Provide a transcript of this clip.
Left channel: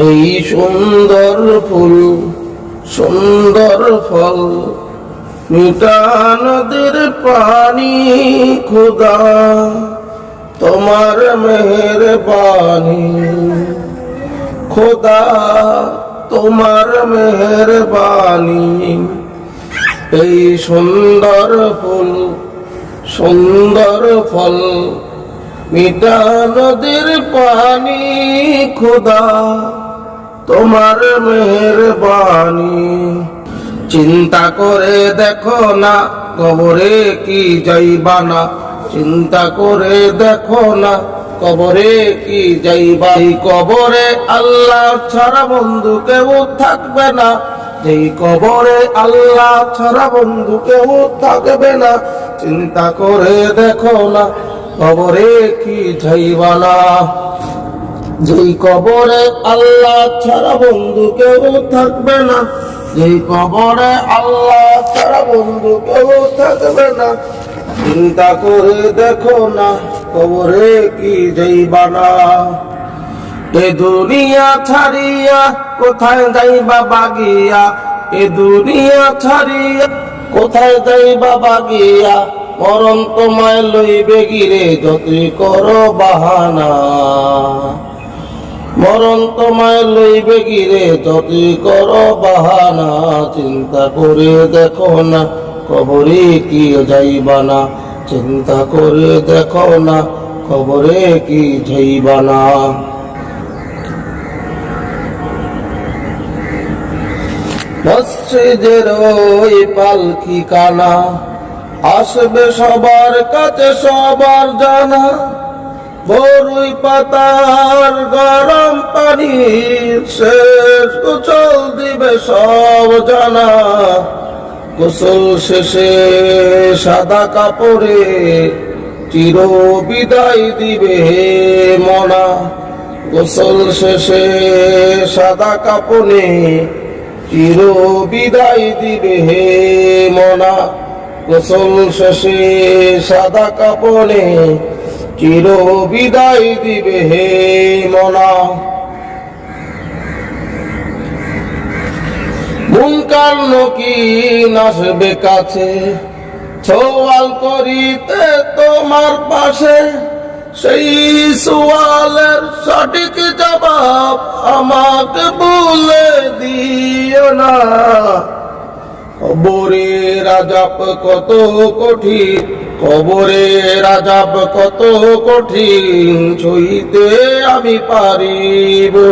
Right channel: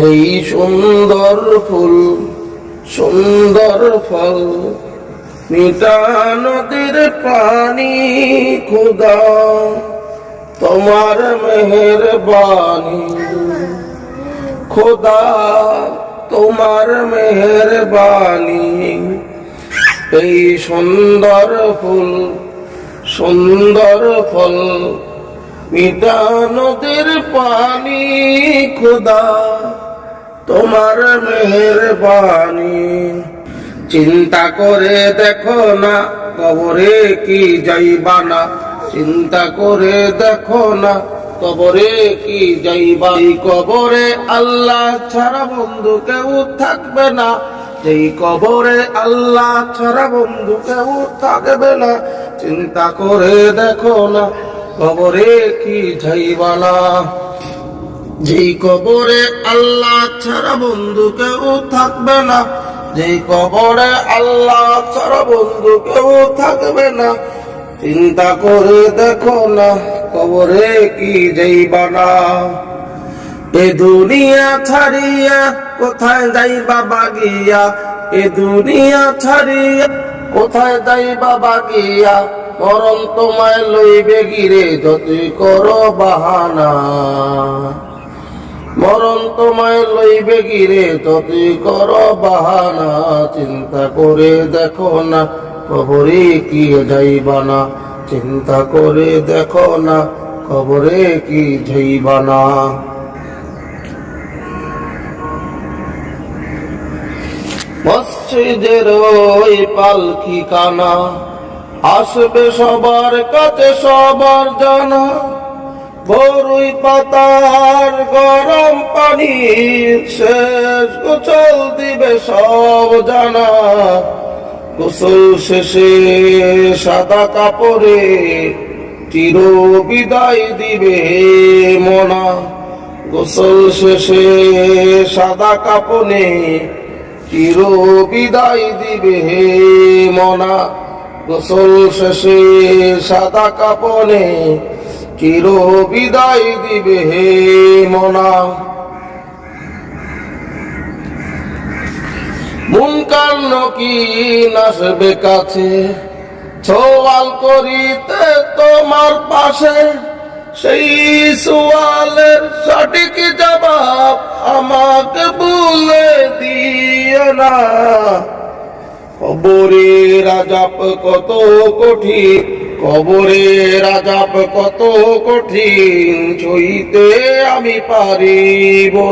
এই সুন্দর ফুল সুন্দর ফল মিঠা নদীর পানি খুদা তোমার মেহেরবানি খোদা তোমার মেহেরবানি এই সুন্দর ফুল সুন্দর ফল মিঠা নদীর পানি খোদা তোমার মেহেরবানি চিন্তা করে দেখো না কবরে কি যাইবা না চিন্তা করে দেখো না কবরে কি যাইবা এই কবরে আল্লাহ ছাড়া বন্ধু কেউ থাকবে না যেই কবরে আল্লাহ ছাড়া বন্ধু কেউ থাকবে না চিন্তা করে দেখো না কবরে কি যাইবা না যেই কবরে আল্লাহ ছাড়া বন্ধু কেউ থাকবে না যেই কবরে আল্লাহ ছাড়া বন্ধু কেউ থাকবে না চিন্তা করে দেখো না কবরে কি যাইবা না এ দুনিয়া ছাড়িয়া কোথায় যাইবা বাগিয়া এ দুনিয়া ছাড়িয়া কোথায় যাইবা বাগিয়া মরণ তোমায় লইবে গিরে যতই করো বাহানা মরণ তোমায় লইবে গিরে যতই করো বাহানা চিন্তা করে দেখো না কবরে কি যাইবা না চিন্তা করে দেখো না কবরে কি যাইবা না মসজিদের ওই পালকি কানা আসবে সবার কাছে সবার জানা বরুই পাতার গরম পানির শেষ গোসল দিবে সব জানা গোসল শেষে সাদা কাপড়ে চির বিদায় দিবে মনা গোসল শেষে সাদা কাপড়ে চির বিদায় দিবে মনা গোসল শেষে সাদা কাপড়ে চির বিদায় দিবে মনা মুনকার নকির আসবে কাছে সওয়াল করিতে তোমার পাশে সেই সওয়ালের সঠিক জবাব আমাকে বলে দিও না কবরের আযাব কত কঠিন কবরের আযাব কত কঠিন সইতে আমি পারিব